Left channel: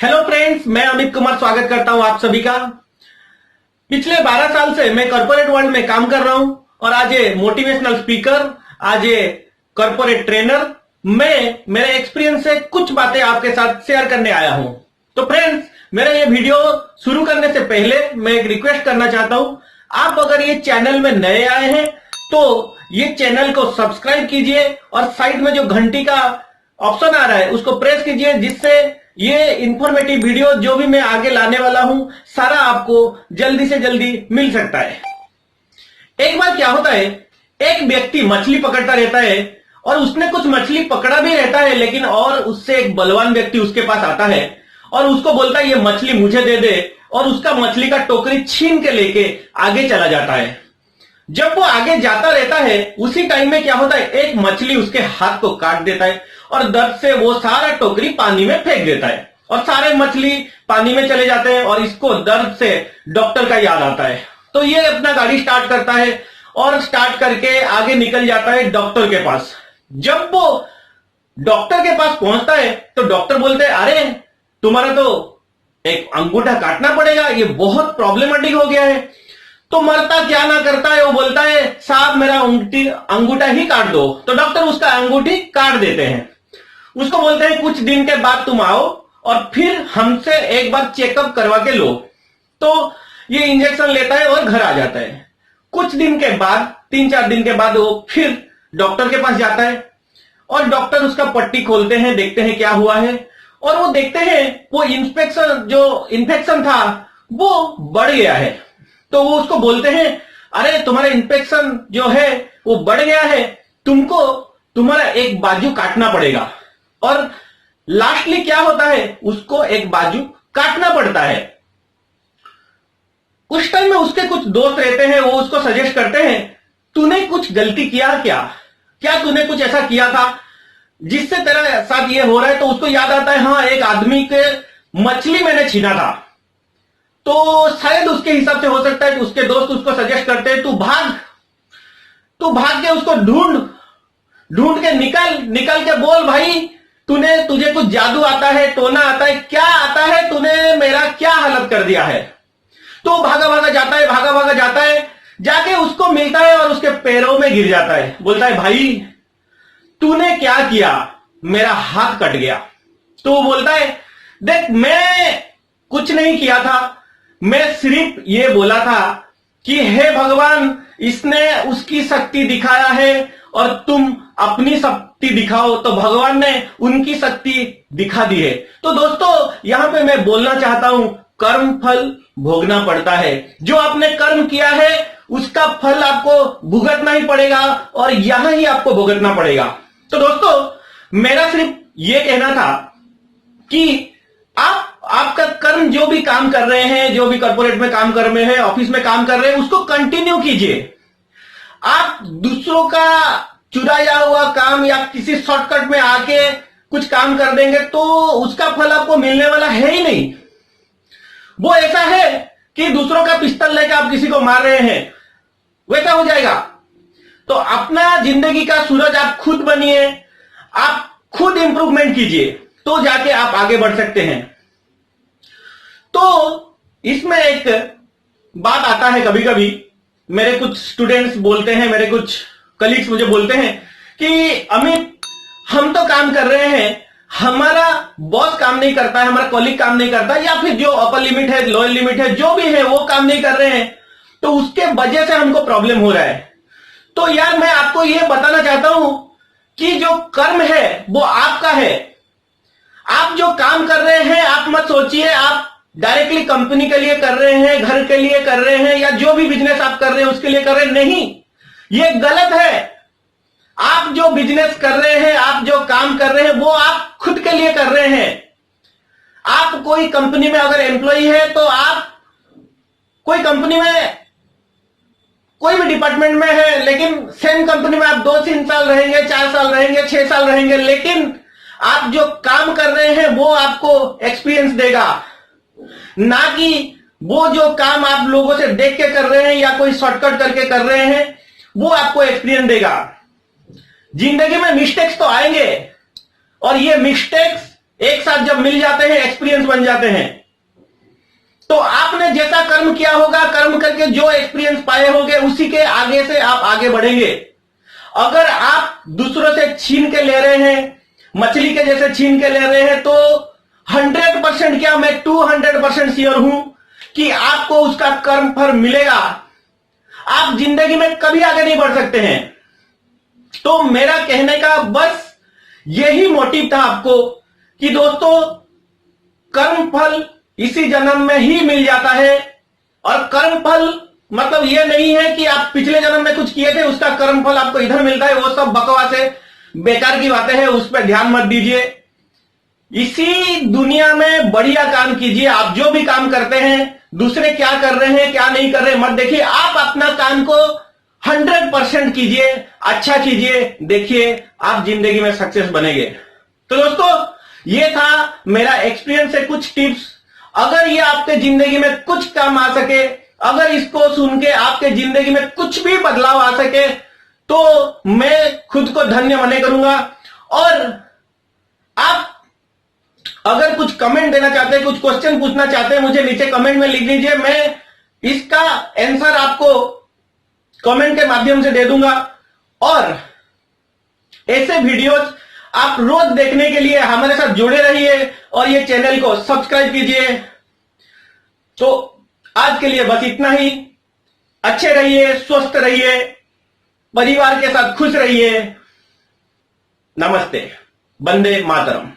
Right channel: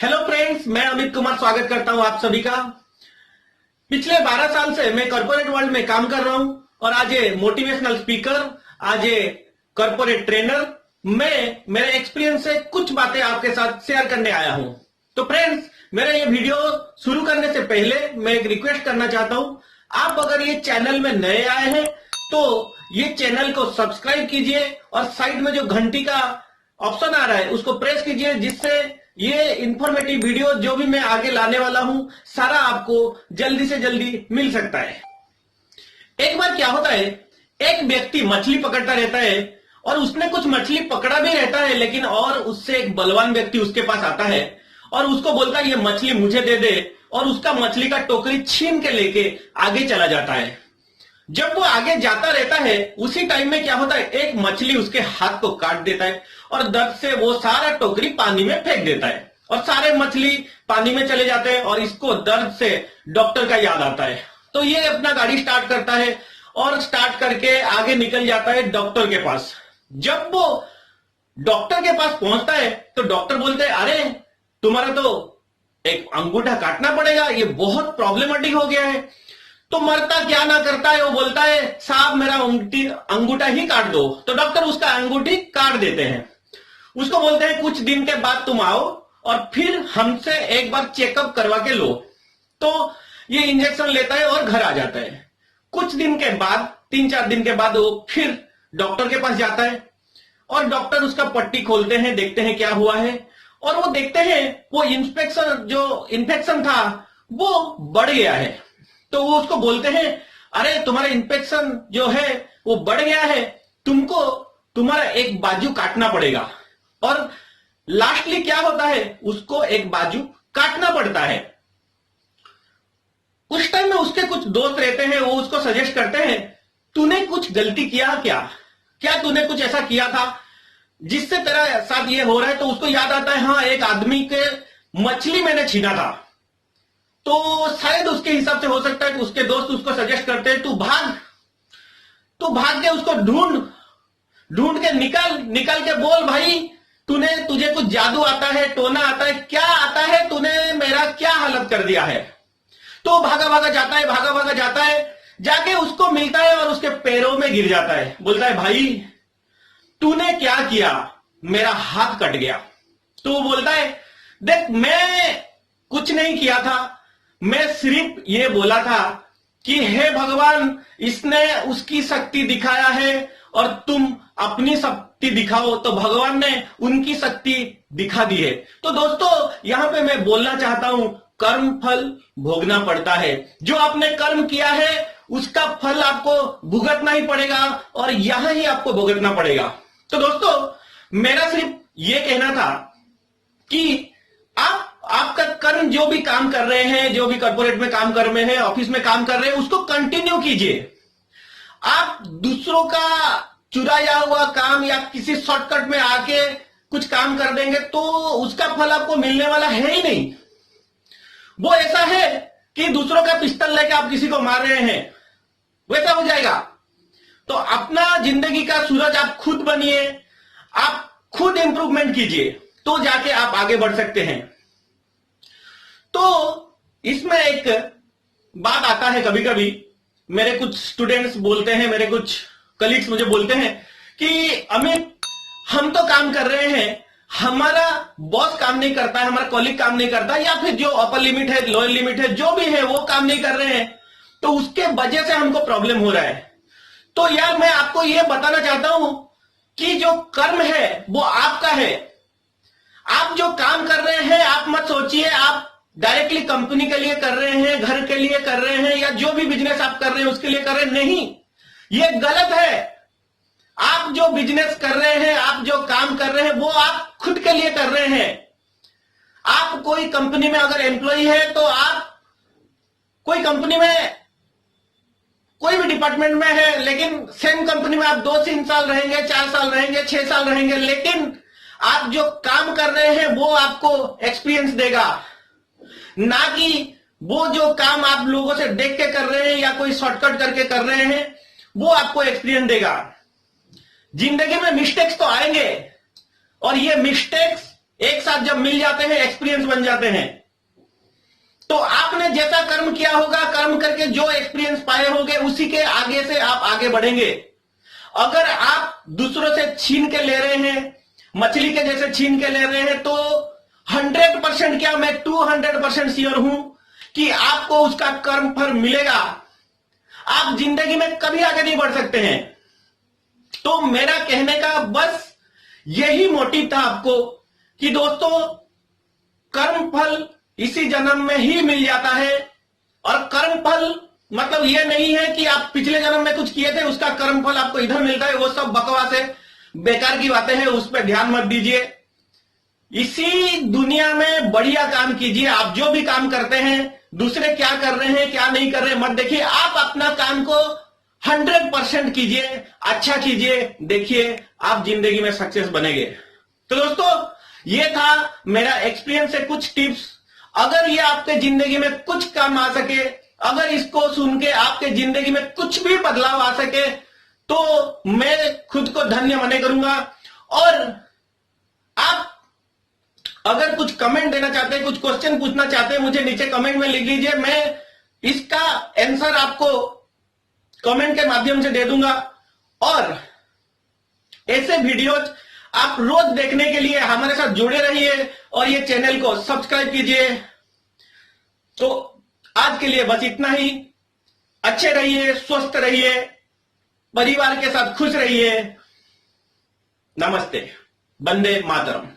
Hello friends, मैं अमित कुमार स्वागत करता हूं आप सभी का। पिछले 12 साल से मैं कॉर्पोरेट वर्ल्ड में काम कर रहा हूं और आज ये मोटिवेशनल स्पीकर, आज ये कॉर्पोरेट ट्रेनर, मैं मेरे एक्सपीरियंस से कुछ बातें आपके साथ शेयर करने आया हूं। तो फ्रेंड्स, मेरा ये वीडियो शुरू करने से पहले मैं एक रिक्वेस्ट करना चाहता हूं। आप अगर ये चैनल में नए आए हैं तो ये चैनल को सब्सक्राइब कीजिए और साइड में जो घंटी का ऑप्शन आ रहा है उसको प्रेस कीजिए, जिससे ये इंफॉर्मेटिव वीडियो जो भी मैं आगे लाने वाला हूं सारा आपको जल्दी से जल्दी मिल सकता है। एक बार क्या होता है, एक व्यक्ति मछली पकड़ता रहता है और उसने कुछ मछली पकड़ा भी रहता है, लेकिन और उससे एक बलवान व्यक्ति उसके पास आता है और उसको बोलता है ये मछली मुझे दे दे, और उसका मछली का टोकरी छीन के लेके आगे चला जाता है। जब वो आगे जाता रहता है उसी टाइम में क्या होता है, एक मछली उसके हाथ को काट देता है और दर्द से वो सारा टोकरी पानी में फेंक देता है और सारे मछली पानी में चले जाते हैं और इसको दर्द से डॉक्टर का याद आता है। तो ये अपना गाड़ी स्टार्ट करता है और स्टार्ट करके आगे निकल जाता है डॉक्टर के पास। जब वो डॉक्टर के पास पहुंचता है तो डॉक्टर बोलते हैं, अरे तुम्हारा तो एक अंगूठा काटना पड़ेगा, ये बहुत प्रॉब्लमेटिक हो गया है। तो मरता क्या ना करता है, वो बोलता है साहब मेरा अंगूठा ही काट दो। तो डॉक्टर उसका अंगूठी काट देते हैं। उसको बोलते हैं कुछ दिन के बाद तुम आओ और फिर हमसे एक बार चेकअप करवा के लो। तो ये इंजेक्शन लेता है और घर आ जाता है। कुछ दिन के बाद, 3-4 दिन के बाद वो फिर डॉक्टर के पास जाता है और डॉक्टर उसका पट्टी खोलते हैं, देखते हैं क्या हुआ है, और वो देखते हैं वो इन्फेक्शन था वो बढ़ गया है। तो वो उसको बोलते हैं, अरे तुम्हारा इन्फेक्शन जो है वो बढ़ गया है, तुमको तुम्हारा एक बाजू काटना पड़ेगा। और लास्टली क्या होता है, उसको एक बाजू काटना पड़ता है। उस टाइम में उसके कुछ दोस्त रहते हैं, वो उसको सजेस्ट करते हैं तूने कुछ गलती किया क्या तूने कुछ ऐसा किया था जिससे तेरा साथ ये हो रहा है। तो उसको याद आता है, हाँ एक आदमी के मछली मैंने छीना था। तो शायद उसके हिसाब से हो सकता है कि उसके दोस्त उसको सजेस्ट करते हैं तू भाग के उसको ढूंढ के निकल के बोल भाई तुझे कुछ जादू आता है, टोना आता है, क्या आता है, तूने मेरा क्या हालत कर दिया है। तो भागा भागा जाता है, जाके उसको मिलता है और उसके पैरों में गिर जाता है। बोलता है भाई तूने क्या किया, मेरा हाथ कट गया। तो वो बोलता है देख मैं कुछ नहीं किया था, मैं सिर्फ ये बोला था कि हे भगवान इसने उसकी शक्ति दिखाया है और तुम अपनी शक्ति दिखाओ। तो भगवान ने उनकी शक्ति दिखा दी है। तो दोस्तों यहां पे मैं बोलना चाहता हूं, कर्म फल भोगना पड़ता है। जो आपने कर्म किया है उसका फल आपको भुगतना ही पड़ेगा और यहां ही आपको भुगतना पड़ेगा। तो दोस्तों मेरा सिर्फ ये कहना था कि आपका कर्म जो भी काम कर रहे हैं, जो भी कॉर्पोरेट में काम कर रहे हैं, ऑफिस में काम कर रहे हैं, उसको कंटिन्यू कीजिए। आप दूसरों का चुराया हुआ काम या किसी शॉर्टकट में आके कुछ काम कर देंगे तो उसका फल आपको मिलने वाला है ही नहीं। वो ऐसा है कि दूसरों का पिस्तौल लेकर आप किसी को मार रहे हैं, वैसा हो जाएगा। तो अपना जिंदगी का सूरज आप खुद बनिए, आप खुद इंप्रूवमेंट कीजिए, तो जाके आप आगे बढ़ सकते हैं। तो इसमें एक बात आता है, कभी कभी मेरे कुछ स्टूडेंट्स बोलते हैं, मेरे कुछ कलीग्स मुझे बोलते हैं कि अमित हम तो काम कर रहे हैं, हमारा बॉस काम नहीं करता है, हमारा कॉलीग काम नहीं करता, या फिर जो अपर लिमिट है, लोअर लिमिट है, जो भी है वो काम नहीं कर रहे हैं, तो उसके वजह से हमको प्रॉब्लम हो रहा है। तो यार मैं आपको यह बताना चाहता हूं कि जो कर्म है वो आपका है। आप जो काम कर रहे हैं आप मत सोचिए आप डायरेक्टली कंपनी के लिए कर रहे हैं, घर के लिए कर रहे हैं, या जो भी बिजनेस आप कर रहे हैं उसके लिए कर रहे हैं। नहीं, ये गलत है। आप जो बिजनेस कर रहे हैं, आप जो काम कर रहे हैं वो आप खुद के लिए कर रहे हैं। आप कोई कंपनी में अगर एम्प्लॉय है तो आप कोई कंपनी में कोई भी डिपार्टमेंट में है, लेकिन सेम कंपनी में आप 2-3 साल रहेंगे, 4 साल रहेंगे, 6 साल रहेंगे, लेकिन आप जो काम कर रहे हैं वो आपको एक्सपीरियंस देगा, ना कि वो जो काम आप लोगों से देख के कर रहे हैं या कोई शॉर्टकट करके कर रहे हैं वो आपको एक्सपीरियंस देगा। जिंदगी में मिस्टेक्स तो आएंगे और ये मिस्टेक्स एक साथ जब मिल जाते हैं, एक्सपीरियंस बन जाते हैं। तो आपने जैसा कर्म किया होगा, कर्म करके जो एक्सपीरियंस पाए होंगे, उसी के आगे से आप आगे बढ़ेंगे। अगर आप दूसरों से छीन के ले रहे हैं, मछली के जैसे छीन के ले रहे हैं, तो 100% क्या, मैं 200% श्योर हूं कि आपको उसका कर्म फल मिलेगा। आप जिंदगी में कभी आगे नहीं बढ़ सकते हैं। तो मेरा कहने का बस यही मोटिव था आपको कि दोस्तों, कर्म फल इसी जन्म में ही मिल जाता है। और कर्म फल मतलब ये नहीं है कि आप पिछले जन्म में कुछ किए थे, उसका कर्म फल आपको इधर मिलता है। वो सब बकवास है, बेकार की बातें हैं, उस पर ध्यान मत दीजिए। इसी दुनिया में बढ़िया काम कीजिए। आप जो भी काम करते हैं, दूसरे क्या कर रहे हैं क्या नहीं कर रहे मत देखिए, आप अपना काम को 100% कीजिए, अच्छा कीजिए। देखिए आप जिंदगी में सक्सेस बनेंगे। तो दोस्तों, ये था मेरा एक्सपीरियंस से कुछ टिप्स। अगर ये आपके जिंदगी में कुछ काम आ सके, अगर इसको सुन के आपके जिंदगी में कुछ भी बदलाव आ सके, तो मैं खुद को धन्य मने करूंगा। और आप अगर कुछ कमेंट देना चाहते हैं, कुछ क्वेश्चन पूछना चाहते हैं, मुझे नीचे कमेंट में लिख लीजिए। मैं इसका आंसर आपको कमेंट के माध्यम से दे दूंगा। और ऐसे वीडियोज आप रोज देखने के लिए हमारे साथ जुड़े रहिए और ये चैनल को सब्सक्राइब कीजिए। तो आज के लिए बस इतना ही। अच्छे रहिए, स्वस्थ रहिए, परिवार के साथ खुश रहिए। नमस्ते, वंदे मातरम।